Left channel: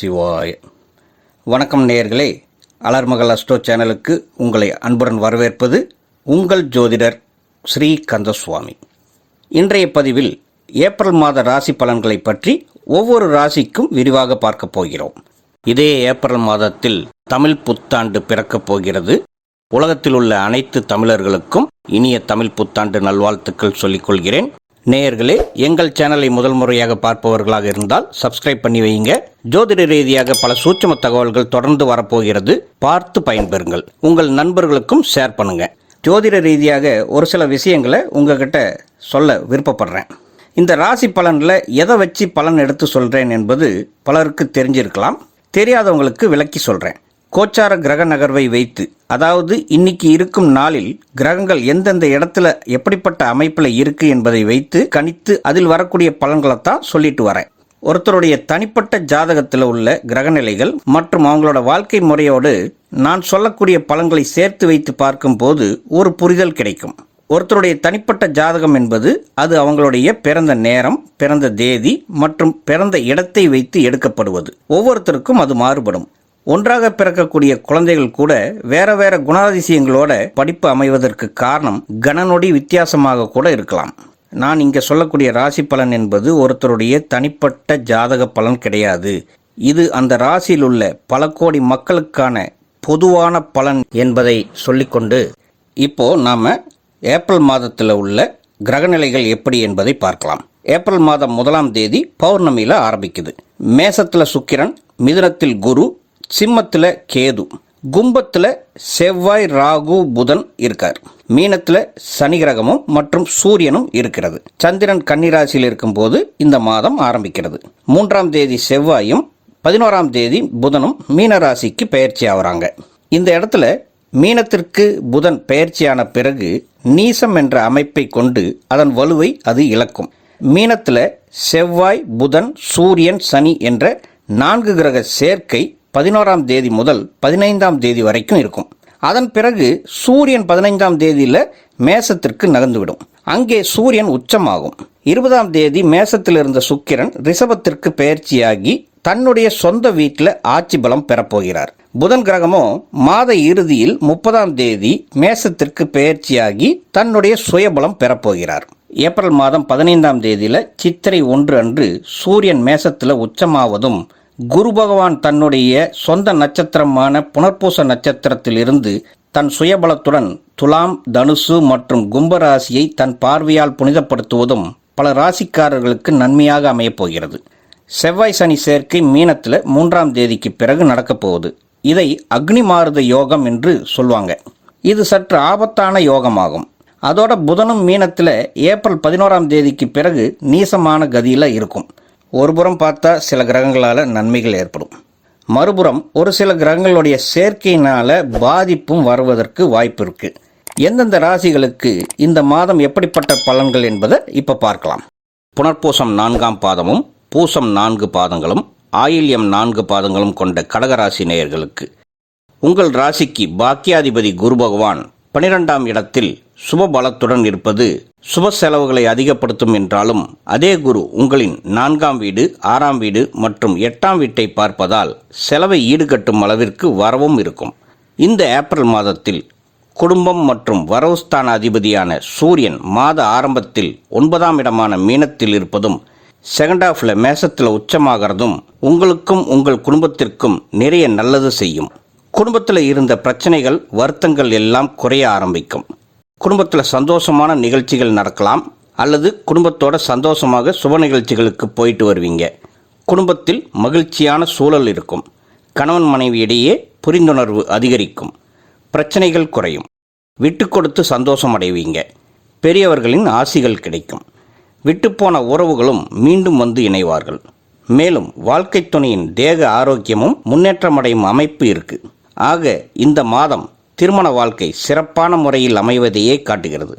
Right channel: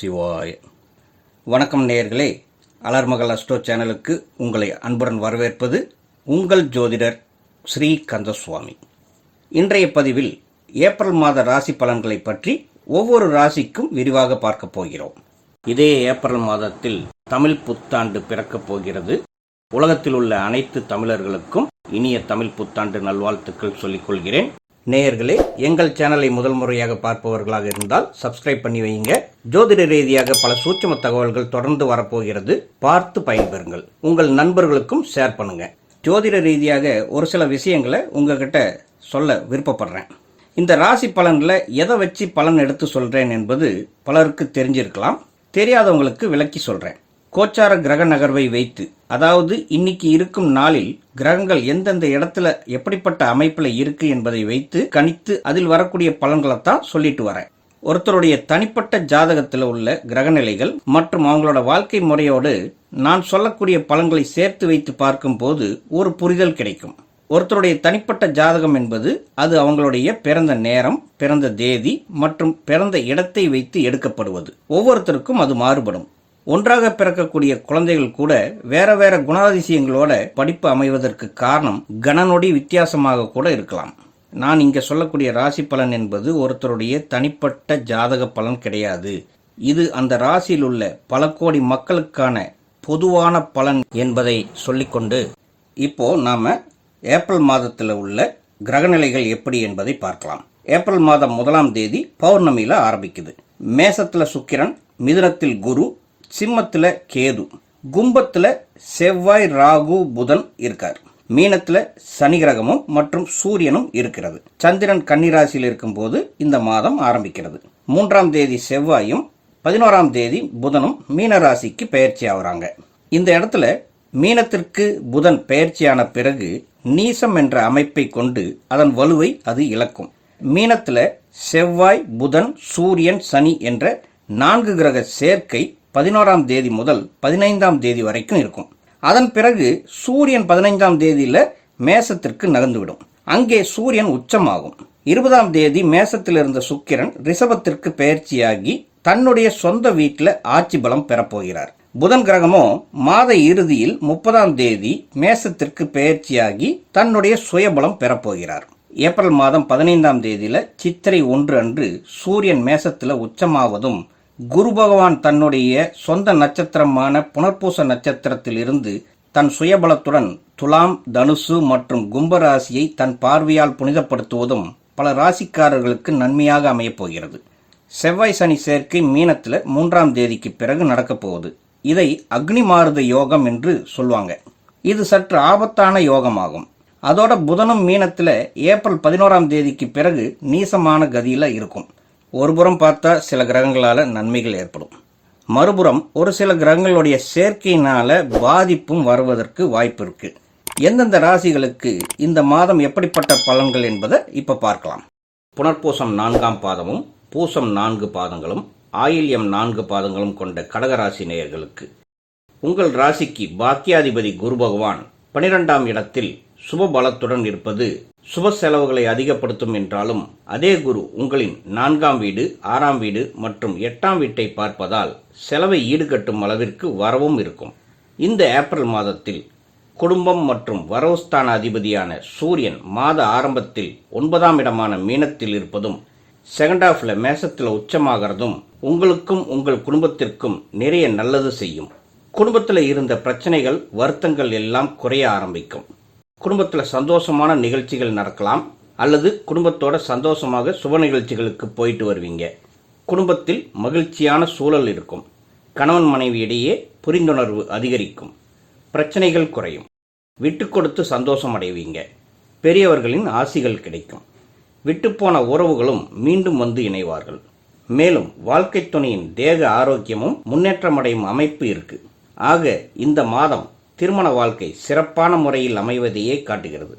சிவாய. வணக்கம் நேயர்களே, அலர்மகள் அஸ்ட்ரோ சேனலுக்கு உங்களை அன்புடன் வரவேற்பது உங்கள் ஜோதிடர் ஸ்ரீ கந்தசுவாமி. இன்றைய பதிவில் ஏப்ரல் மாத ராசி பலன்களை பற்றி ஒவ்வொரு ராசிக்கும் விரிவாக பார்க்க போகிறோம். இதே ஏப்ரல் மாதத்தில் தமிழ் புத்தாண்டு பிறக்கப் போகிறது. உலகத்தில் உள்ள அனைத்து தமிழர்களுக்கும் இனிய தமிழ் புத்தாண்டு நல்வாழ்த்துக்கள் சொல்லிக் கொள்கிறேன். நேயர்களே, எங்கள் சேனலை முதல் முறையாக பார்ப்பவர்களாக இருந்தால் சப்ஸ்கிரைப் பண்ணி வைங்க. ஜோதிட ரீதியாக பல சூட்சும தகவல்கள் தொடர்ந்து வரப்போகிறது, பார்த்து பயன்பெறுங்கள். உங்கள் நண்பர்களுக்கும் ஷேர் பண்ணுங்க. ஜோதிட ரீதியாக ஒரு சில விஷயங்களை உங்ககிட்ட சொல்ல விருப்பப்படுறேன். இந்த ராசி பலனில் எதை வச்சு பலன் எடுத்து சொல்கிறேன் என்பது பலருக்கு தெரிஞ்சிருக்கலாம். தெரியாதவங்களுக்கு விளக்கி சொல்கிறேன். கோச்சார கிரக நகர்வை வைத்து, அதாவது இன்னைக்கு இருக்கும் நாளில் கிரகங்கள் எந்தெந்த இடத்துல எப்படிப்பட்ட அமைப்பில் இருக்கு என்பதை வைத்து கணித்து அதில் வரக்கூடிய பலன்களைத்தான் சொல்லிட்டு வரேன். ஒருத்தருடைய தனிப்பட்ட ஜாதகத்தில் உள்ள கிரகநிலைகள் மற்றும் அவங்களோட வாழ்க்கை முறையோடு நான் சொல்லக்கூடிய பலன்களை சேர்த்து வைத்து பார்க்கும்போது ஒரு புரிதல் கிடைக்கும். ஒருத்தருடைய தனிப்பட்ட ஜாதகம் என்பது அது அவங்களுடைய பிறந்த நேரம், பிறந்த தேதி மற்றும் பிறந்த இடத்தை வைத்து எடுக்கப்படுவது. ஒவ்வொருத்தருக்கும் அது மாறுபடும். ஒன்றாக பிறக்கக்கூடிய குழந்தைகள் கூட வேற வேற குணாதிசயங்களோட படிப்பு அமைவதற்கு காரணம் கணநொடி வித்தியாசமாக கூட இருக்கலாம். நான் இங்கே சொல்லக்கூடிய ராசி பலன் என்பது ஒருத்தருடைய தனிப்பட்ட ஜாதக பலன் கிடையாது. இது அந்த ராசியில் உள்ள பல கோடி மக்களுக்கான பொதுவான பலன் என்பதை சொல்லிக்கொண்டு இப்போ நாம ஏப்ரல் மாதத்தில் உள்ள கிரகநிலைகள் எப்படி என்பதை பார்க்கலாம். ஏப்ரல் மாதம் 1ஆம் தேதி பௌர்ணமியில் ஆரம்பிக்குது. மேசத்தில் சுக்கிரன், மிதுனத்தில் குரு, சிம்மத்தில் கேது, கும்பத்தில் செவ்வாய், ராகு, புதன் இருக்கார். மீனத்தில் சனி கிரகமும் மற்றும் சூரியனும் இருக்கிறது. சந்திரன் கன்னிராசியில் இருக்கும்போது இந்த மாதம் ஆரம்பிக்கிறது. 3ஆம் தேதி செவ்வாயும் 11ஆம் தேதி புதனும் மீனராசிக்கு பயிற்சி ஆகிறாங்க. இந்த இடத்துல மீனத்திற்கு புதன் பயிற்சியான பிறகு நீசம் என்ற அமைப்பை கொண்டு அதன் வலுவை அது இழக்கும். மீனத்தில் செவ்வாய், புதன், சூரியன், சனி என்ற 4 கிரக சேர்க்கை 11ஆம் தேதி முதல் 15ஆம் தேதி வரைக்கும் இருக்கும். அதன் பிறகு சூரியன் 15ஆம் தேதியில் மேசத்திற்கு நகர்ந்துவிடும். அங்கே சூரியன் உச்சமாகும். 20ஆம் தேதி மேசத்தில் இருந்த சுக்கிரன் ரிஷபத்திற்கு பயிற்சியாகி தன்னுடைய சொந்த வீட்டில் ஆட்சி பலம் பெறப்போகிறார். புதன் கிரகமும் மாத இறுதியில் 30ஆம் தேதி மேசத்திற்கு பயிற்சியாகி தன்னுடைய சுயபலம் பெறப்போகிறார். ஏப்ரல் மாதம் 15ஆம் தேதியில் சித்திரை 1 அன்று சூரியன் மேசத்தில் உச்சமாவதும் குரு பகவான் தன்னுடைய சொந்த நட்சத்திரமான புனர்பூச நட்சத்திரத்தில் இருந்து தன் சுயபலத்துடன் துலாம், தனுசு மற்றும் கும்பராசியை தன் பார்வையால் புனிதப்படுத்துவதும் பல ராசிக்காரர்களுக்கு நன்மையாக அமையப்போகிறது. செவ்வாய் சனி சேர்க்கை மீனத்தில் 3ஆம் தேதிக்கு பிறகு நடக்கப் போகுது. இதை அக்னி மாருத யோகம் என்று சொல்லுவாங்க. இது சற்று ஆபத்தான யோகமாகும். அதோட புதனும் மீனத்தில் ஏப்ரல் 11ஆம் தேதிக்கு பிறகு நீசமான கதியில் இருக்கும். ஒருபுறம் பார்த்தா சில கிரகங்களால் நன்மைகள் ஏற்படும், மறுபுறம் ஒரு சில கிரகங்களுடைய சேர்க்கையினால் பாதிப்பும் வருவதற்கு வாய்ப்பு இருக்குது. எந்தெந்த ராசிகளுக்கு இந்த மாதம் எப்படிப்பட்ட பலன்கள் என்பதை இப்போ பார்க்கலாம். புனர்பூசம் 4ஆம் பாதமும் பூசம் 4 பாதங்களும் ஆயில்யம் 4 பாதங்களும் கொண்ட கடகராசி நேயர்களுக்கு உங்கள் ராசிக்கு பாக்கியாதிபதி குரு பகவான் 12ஆம் இடத்தில் சுப பலத்துடன் இருப்பது சுப செலவுகளை அதிகப்படுத்தும் என்றாலும் அதே குரு உங்களின் 4ஆம் வீடு, 6ஆம் வீடு மற்றும் 8ஆம் வீட்டை பார்ப்பதால் செலவை ஈடுகட்டும் அளவிற்கு வரவும் இருக்கும். இந்த ஏப்ரல் மாதத்தில் குடும்பம் மற்றும் வரவுஸ்தான அதிபதியான சூரியன் மாத ஆரம்பத்தில் 9ஆம் இடமான மீனத்தில் இருப்பதும் செகண்ட் ஹாஃபில் மேசத்தில் உச்சமாகிறதும் உங்களுக்கும் உங்கள் குடும்பத்திற்கும் நிறைய நல்லது செய்யும். குடும்பத்தில் இருந்த பிரச்சனைகள், வருத்தங்கள் எல்லாம் குறைய ஆரம்பிக்கும். குடும்பத்தில் சந்தோஷமான நிகழ்ச்சிகள் நடக்கலாம், அல்லது குடும்பத்தோட சந்தோஷமாக சுப நிகழ்ச்சிகளுக்கு போயிட்டு வருவீங்க. குடும்பத்தில் மகிழ்ச்சியான சூழல் இருக்கும். கணவன் மனைவி இடையே புரிந்துணர்வு அதிகரிக்கும். பிரச்சனைகள் குறையும். விட்டு கொடுத்து சந்தோஷம் அடைவீங்க. பெரியவர்களின் ஆசிகள் கிடைக்கும். விட்டுப்போன உறவுகளும் மீண்டும் வந்து இணைவார்கள். மேலும் வாழ்க்கை துணையின் தேக ஆரோக்கியமும் முன்னேற்றமடையும் அமைப்பு இருக்குது. ஆக இந்த மாதம் திருமண வாழ்க்கை சிறப்பான முறையில் அமைவதையே காட்டுகிறது.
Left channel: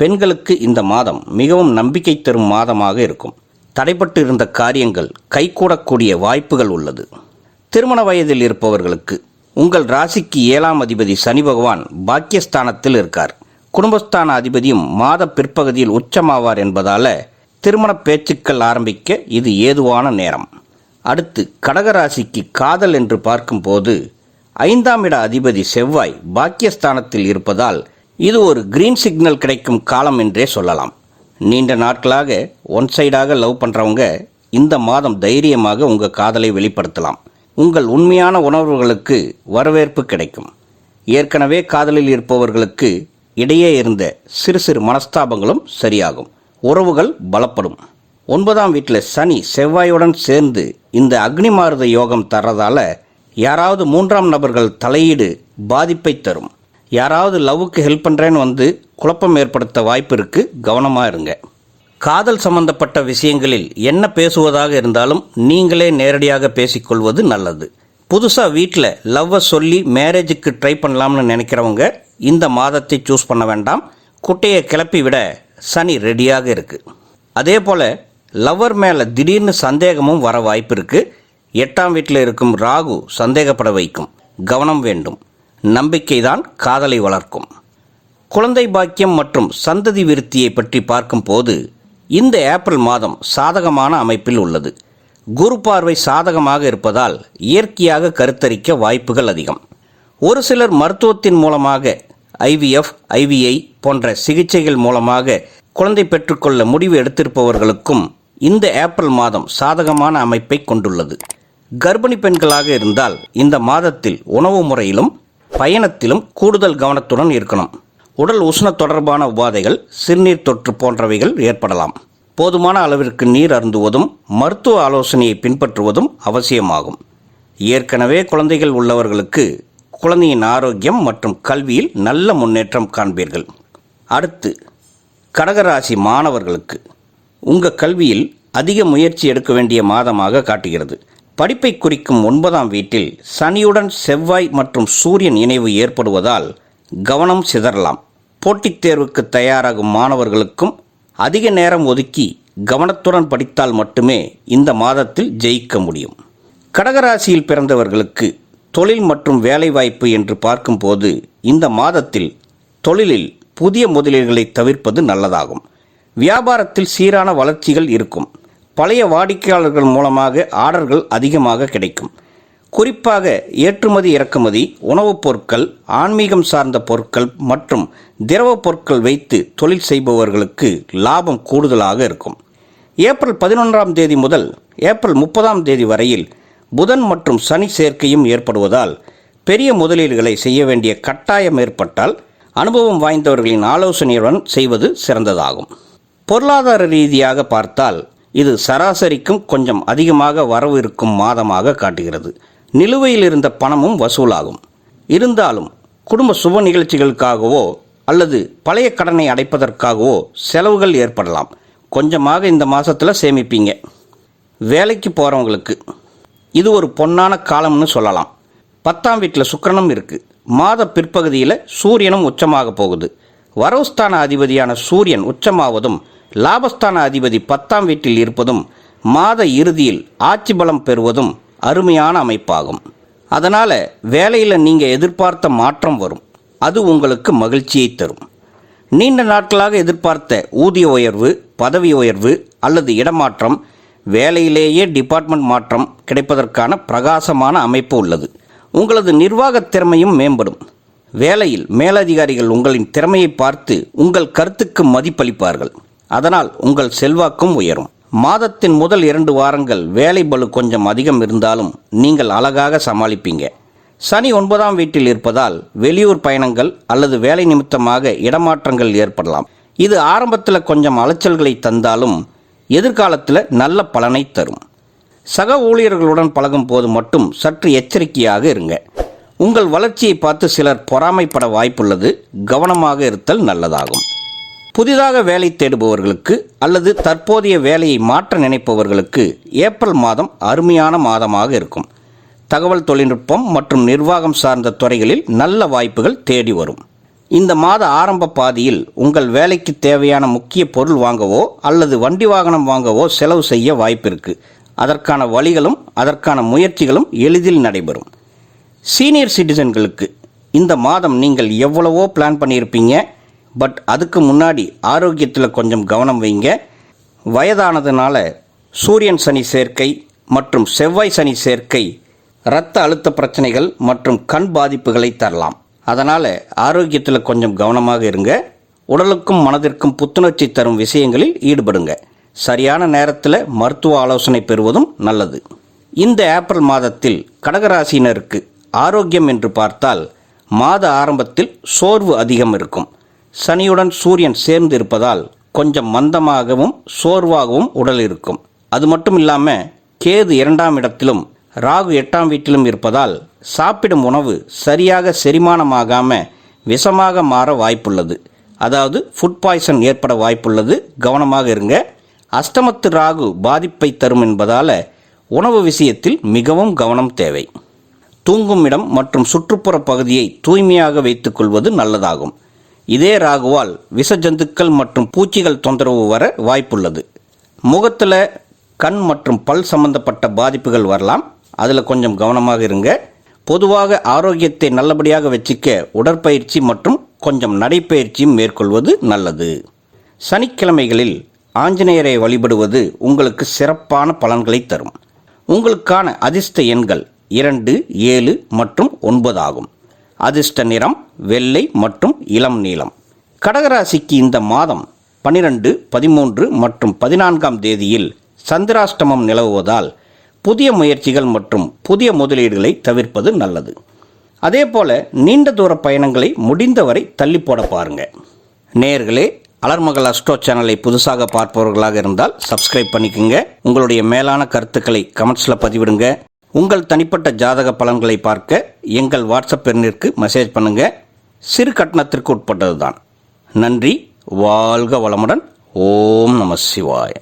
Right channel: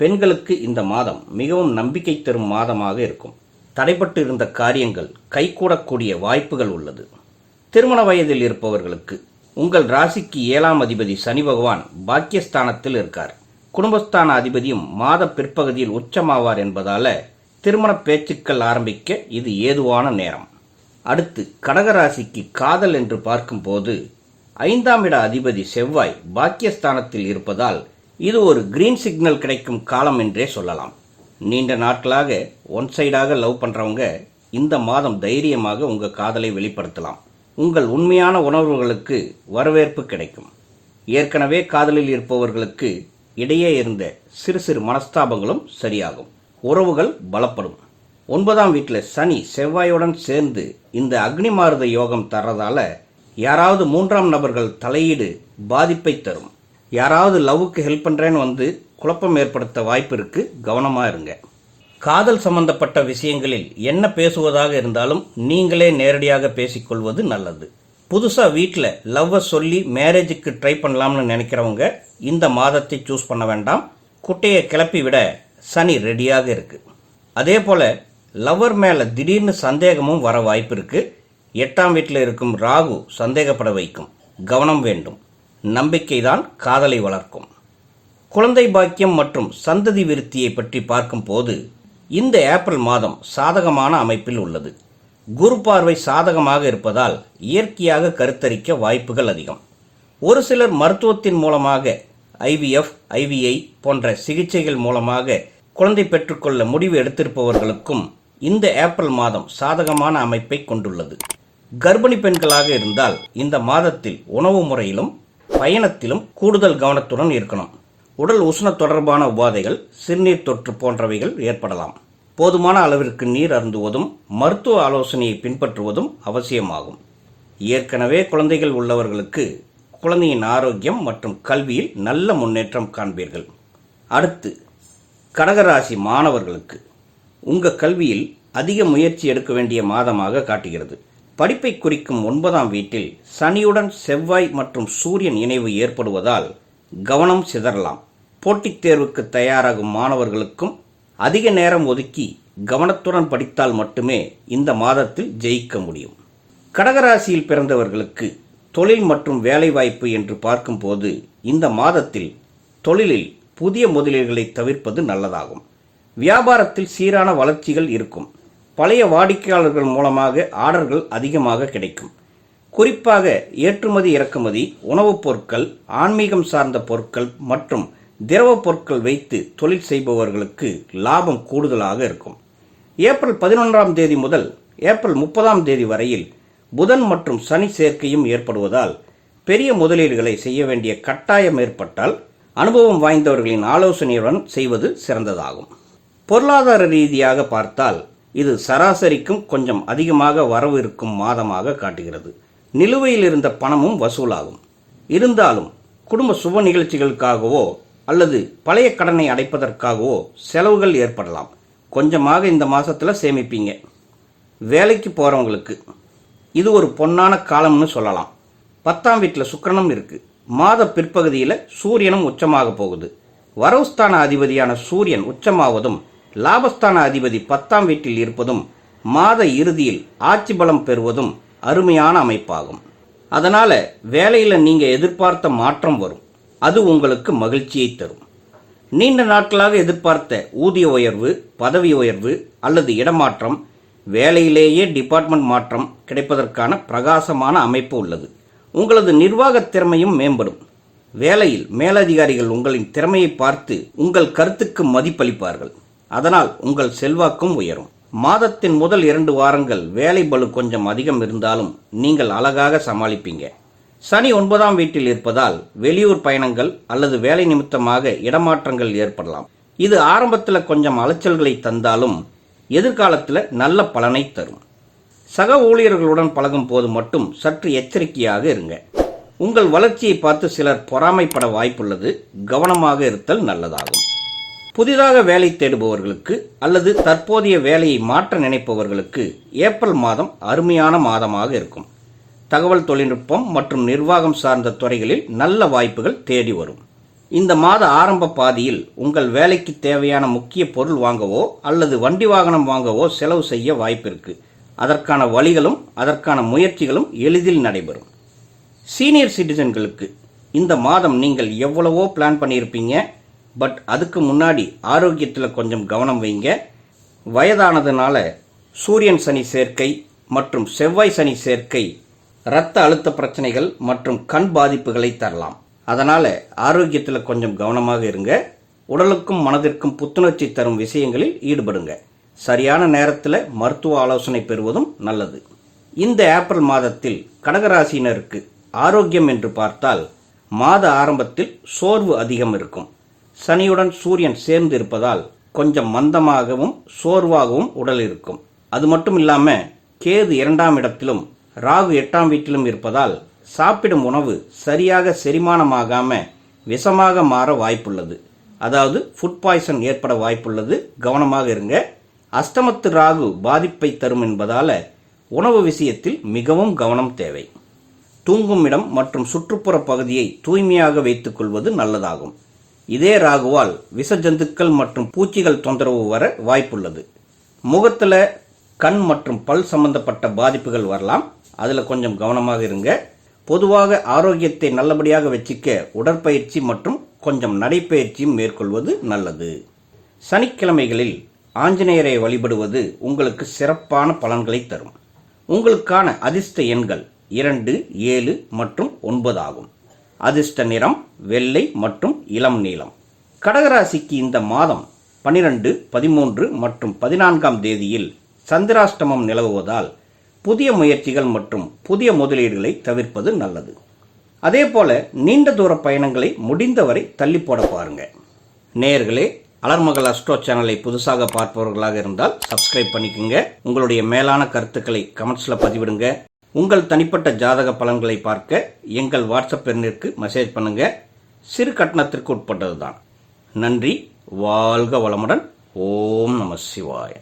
பெண்களுக்கு இந்த மாதம் மிகவும் நம்பிக்கை தரும் மாதமாக இருக்கும். தடைப்பட்டு இருந்த காரியங்கள் கைகூடக்கூடிய வாய்ப்புகள் உள்ளது. திருமண வயதில் இருப்பவர்களுக்கு உங்கள் ராசிக்கு 7ஆம் அதிபதி சனி பகவான் பாக்கியஸ்தானத்தில் இருக்கார். குடும்பஸ்தான அதிபதியும் மாத பிற்பகுதியில் உச்சமாவார் என்பதால் திருமண பேச்சுக்கள் ஆரம்பிக்க இது ஏதுவான நேரம். அடுத்து கடகராசிக்கு காதல் என்று பார்க்கும்போது 5ஆம் இட அதிபதி செவ்வாய் பாக்கியஸ்தானத்தில் இருப்பதால் இது ஒரு கிரீன் சிக்னல் கிடைக்கும் காலம் என்றே சொல்லலாம். நீண்ட நாட்களாக ஒன் சைடாக லவ் பண்ணுறவங்க இந்த மாதம் தைரியமாக உங்கள் காதலை வெளிப்படுத்தலாம். உங்கள் உண்மையான உணர்வுகளுக்கு வரவேற்பு கிடைக்கும். ஏற்கனவே காதலில் இருப்பவர்களுக்கு இடையே இருந்த சிறு சிறு மனஸ்தாபங்களும் சரியாகும். உறவுகள் பலப்படும். 9ஆம் வீட்டில் சனி செவ்வாயுடன் சேர்ந்து இந்த அக்னி மாருத யோகம் தர்றதால யாராவது 3ஆம் நபர்கள் தலையீடு பாதிப்பை தரும். யாராவது லவ்வுக்கு ஹெல்ப் பண்ணுறேன்னு வந்து குழப்பம் ஏற்படுத்த வாய்ப்பு இருக்குது. கவனமாக இருங்க. காதல் சம்பந்தப்பட்ட விஷயங்களில் என்ன பேசுவதாக இருந்தாலும் நீங்களே நேரடியாக பேசிக்கொள்வது நல்லது. புதுசாக வீட்டில் லவ்வை சொல்லி மேரேஜுக்கு ட்ரை பண்ணலாம்னு நினைக்கிறவங்க இந்த மாதத்தை சூஸ் பண்ண வேண்டாம். குட்டையை கிளப்பி விட சனி ரெடியாக இருக்குது. அதே போல் லவ்வர் மேலே திடீர்னு சந்தேகமும் வர வாய்ப்பு இருக்குது. 8ஆம் வீட்டில் இருக்கும் ராகு சந்தேகப்பட வைக்கும். கவனம் வேண்டும். நம்பிக்கை தான் காதலை வளர்க்கும். குழந்தை பாக்கியம் மற்றும் சந்ததி விருத்தியை பற்றி பார்க்கும்போது இந்த ஏப்ரல் மாதம் சாதகமான அமைப்பில் உள்ளது. குரு பார்வை சாதகமாக இருப்பதால் இயற்கையாக கருத்தரிக்க வாய்ப்புகள் அதிகம். ஒரு சிலர் மருத்துவத்தின் மூலமாக IVF, IVI போன்ற சிகிச்சைகள் மூலமாக குழந்தை பெற்றுக்கொள்ள முடிவு எடுத்திருப்பவர்களுக்கும் இந்த ஏப்ரல் மாதம் சாதகமான அமைப்பை கொண்டுள்ளது. கர்ப்பிணி பெண்களாக இருந்தால் இந்த மாதத்தில் உணவு முறையிலும் பயணத்திலும் கூடுதல் கவனத்துடன் இருக்கணும். உடல் உஷ்ண தொடர்பான உபாதைகள், சிறுநீர் தொற்று போன்றவைகள் ஏற்படலாம். போதுமான அளவிற்கு நீர் அருந்துவதும் மருத்துவ ஆலோசனையை பின்பற்றுவதும் அவசியமாகும். ஏற்கனவே குழந்தைகள் உள்ளவர்களுக்கு குழந்தையின் ஆரோக்கியம் மற்றும் கல்வியில் நல்ல முன்னேற்றம் காண்பீர்கள். அடுத்து கடகராசி மாணவர்களுக்கு உங்கள் கல்வியில் அதிக முயற்சி எடுக்க வேண்டிய மாதமாக காட்டுகிறது. படிப்பை குறிக்கும் 9ஆம் வீட்டில் சனியுடன் செவ்வாய் மற்றும் சூரியன் இணைவு ஏற்படுவதால் கவனம் சிதறலாம். போட்டித் தேர்வுக்கு தயாராகும் மாணவர்களுக்கும் அதிக நேரம் ஒதுக்கி கவனத்துடன் படித்தால் மட்டுமே இந்த மாதத்தில் ஜெயிக்க முடியும். கடகராசியில் பிறந்தவர்களுக்கு தொழில் மற்றும் வேலைவாய்ப்பு என்று பார்க்கும்போது இந்த மாதத்தில் தொழிலில் புதிய முதலீடுகளை தவிர்ப்பது நல்லதாகும். வியாபாரத்தில் சீரான வளர்ச்சிகள் இருக்கும். பழைய வாடிக்கையாளர்கள் மூலமாக ஆர்டர்கள் அதிகமாக கிடைக்கும். குறிப்பாக ஏற்றுமதி இறக்குமதி, உணவுப் பொருட்கள், ஆன்மீகம் சார்ந்த பொருட்கள் மற்றும் திரவ பொருட்கள் வைத்து தொழில் செய்பவர்களுக்கு லாபம் கூடுதலாக இருக்கும். ஏப்ரல் 11ஆம் தேதி முதல் ஏப்ரல் 30ஆம் தேதி வரையில் புதன் மற்றும் சனி சேர்க்கையும் ஏற்படுவதால் பெரிய முதலீடுகளை செய்ய வேண்டிய கட்டாயம் ஏற்பட்டால் அனுபவம் வாய்ந்தவர்களின் ஆலோசனையுடன் செய்வது சிறந்ததாகும். பொருளாதார ரீதியாக பார்த்தால் இது சராசரிக்கும் கொஞ்சம் அதிகமாக வரவு இருக்கும் மாதமாக காட்டுகிறது. நிலுவையில் இருந்த பணமும் வசூலாகும். இருந்தாலும் குடும்ப சுப நிகழ்ச்சிகளுக்காகவோ அல்லது பழைய கடனை அடைப்பதற்காகவோ செலவுகள் ஏற்படலாம். கொஞ்சமாக இந்த மாதத்தில் சேமிப்பீங்க. வேலைக்கு போகிறவங்களுக்கு இது ஒரு பொன்னான காலம்னு சொல்லலாம். 10ஆம் வீட்டில் சுக்கிரனும் இருக்குது. மாத பிற்பகுதியில் சூரியனும் உச்சமாக போகுது. வரவுஸ்தான அதிபதியான சூரியன் உச்சமாவதும் லாபஸ்தான அதிபதி 10ஆம் வீட்டில் இருப்பதும் மாத இறுதியில் ஆட்சி பலம் பெறுவதும் அருமையான அமைப்பாகும். அதனால் வேலையில் நீங்கள் எதிர்பார்த்த மாற்றம் வரும். அது உங்களுக்கு மகிழ்ச்சியை தரும். நீண்ட நாட்களாக எதிர்பார்த்த ஊதிய உயர்வு, பதவி உயர்வு அல்லது இடமாற்றம், வேலையிலேயே டிபார்ட்மெண்ட் மாற்றம் கிடைப்பதற்கான பிரகாசமான அமைப்பு உள்ளது. உங்களது நிர்வாகத் திறமையும் மேம்படும். வேலையில் மேலதிகாரிகள் உங்களின் திறமையை பார்த்து உங்கள் கருத்துக்கு மதிப்பளிப்பார்கள். அதனால் உங்கள் செல்வாக்கும் உயரும். மாதத்தின் முதல் 2 வாரங்கள் வேலை பளு கொஞ்சம் அதிகம் இருந்தாலும் நீங்கள் அழகாக சமாளிப்பீங்க. சனி 9ஆம் வீட்டில் இருப்பதால் வெளியூர் பயணங்கள் அல்லது வேலை நிமித்தமாக இடமாற்றங்கள் ஏற்படலாம். இது ஆரம்பத்தில் கொஞ்சம் அலைச்சல்களை தந்தாலும் எதிர்காலத்தில் நல்ல பலனை தரும். சக ஊழியர்களுடன் பழகும் போது மட்டும் சற்று எச்சரிக்கையாக இருங்க. உங்கள் வளர்ச்சியை பார்த்து சிலர் பொறாமைப்பட வாய்ப்புள்ளது. கவனமாக இருத்தல் நல்லதாகும். புதிதாக வேலை தேடுபவர்களுக்கு அல்லது தற்போதைய வேலையை மாற்ற நினைப்பவர்களுக்கு ஏப்ரல் மாதம் அருமையான மாதமாக இருக்கும். தகவல் தொழில்நுட்பம் மற்றும் நிர்வாகம் சார்ந்த துறைகளில் நல்ல வாய்ப்புகள் தேடி வரும். இந்த மாத ஆரம்ப பாதியில் உங்கள் வேலைக்கு தேவையான முக்கிய பொருள் வாங்கவோ அல்லது வண்டி வாகனம் வாங்கவோ செலவு செய்ய வாய்ப்பு இருக்குது. அதற்கான வழிகளும் அதற்கான முயற்சிகளும் எளிதில் நடைபெறும். சீனியர் சிட்டிசன்களுக்கு இந்த மாதம் நீங்கள் எவ்வளவோ பிளான் பண்ணியிருப்பீங்க. பட் அதுக்கு முன்னாடி ஆரோக்கியத்தில் கொஞ்சம் கவனம் வைங்க. வயதானதுனால சூரியன் சனி சேர்க்கை, மற்றும் செவ்வாய் சனி சேர்க்கை இரத்த அழுத்த பிரச்சனைகள் மற்றும் கண் பாதிப்புகளை தரலாம். அதனால் ஆரோக்கியத்தில் கொஞ்சம் கவனமாக இருங்க. உடலுக்கும் மனதிற்கும் புத்துணர்ச்சி தரும் விஷயங்களில் ஈடுபடுங்க. சரியான நேரத்தில் மருத்துவ ஆலோசனை பெறுவதும் நல்லது. இந்த ஏப்ரல் மாதத்தில் கடகராசினருக்கு ஆரோக்கியம் என்று பார்த்தால் மாத ஆரம்பத்தில் சோர்வு அதிகம் இருக்கும். சனியுடன் சூரியன் சேர்ந்து இருப்பதால் கொஞ்சம் மந்தமாகவும் சோர்வாகவும் உடல் இருக்கும். அது மட்டும் இல்லாமல் கேது 2ஆம் இடத்திலும் ராகு 8ஆம் வீட்டிலும் இருப்பதால் சாப்பிடும் உணவு சரியாக செரிமானமாகாமல் விஷமாக மாற வாய்ப்புள்ளது. அதாவது ஃபுட் பாய்சன் ஏற்பட வாய்ப்புள்ளது. கவனமாக இருங்க. அஷ்டமத்து ராகு பாதிப்பை தரும் என்பதால் உணவு விஷயத்தில் மிகவும் கவனம் தேவை. தூங்கும் இடம் மற்றும் சுற்றுப்புற பகுதியை தூய்மையாக வைத்துக்கொள்வது நல்லதாகும். இதே ராகுவால் விஷ ஜந்துக்கள் மற்றும் பூச்சிகள் தொந்தரவு வர வாய்ப்புள்ளது. முகத்தில் கண் மற்றும் பல் சம்பந்தப்பட்ட பாதிப்புகள் வரலாம். அதில் கொஞ்சம் கவனமாக இருங்க. பொதுவாக ஆரோக்கியத்தை நல்லபடியாக வச்சுக்க உடற்பயிற்சி மற்றும் கொஞ்சம் நடைப்பயிற்சியும் மேற்கொள்வது நல்லது. சனிக்கிழமைகளில் ஆஞ்சநேயரை வழிபடுவது உங்களுக்கு சிறப்பான பலன்களை தரும். உங்களுக்கான அதிர்ஷ்ட எண்கள் 2, 7 மற்றும் 9 ஆகும். அதிர்ஷ்ட நிறம் வெள்ளை மற்றும் இளம் நீலம். கடகராசிக்கு இந்த மாதம் 12, 13 மற்றும் 14ஆம் தேதியில் சந்திராஷ்டமம் நிலவுவதால் புதிய முயற்சிகள் மற்றும் புதிய முதலீடுகளை தவிர்ப்பது நல்லது. அதே போல நீண்ட தூர பயணங்களை முடிந்தவரை தள்ளி போட பாருங்க. நேயர்களே, அலர்மகள் அஸ்ட்ரோ சேனலை புதுசாக பார்ப்பவர்களாக இருந்தால் சப்ஸ்கிரைப் பண்ணிக்கோங்க. உங்களுடைய மேலான கருத்துக்களை கமெண்ட்ஸில் பதிவிடுங்க. உங்கள் தனிப்பட்ட ஜாதக பலன்களை பார்க்க எங்கள் வாட்ஸ்அப் எண்ணிற்கு மெசேஜ் பண்ணுங்க. சிறு கட்டணத்திற்கு உட்பட்டது தான். நன்றி. வாழ்க வளமுடன். ஓம் நம சிவாய.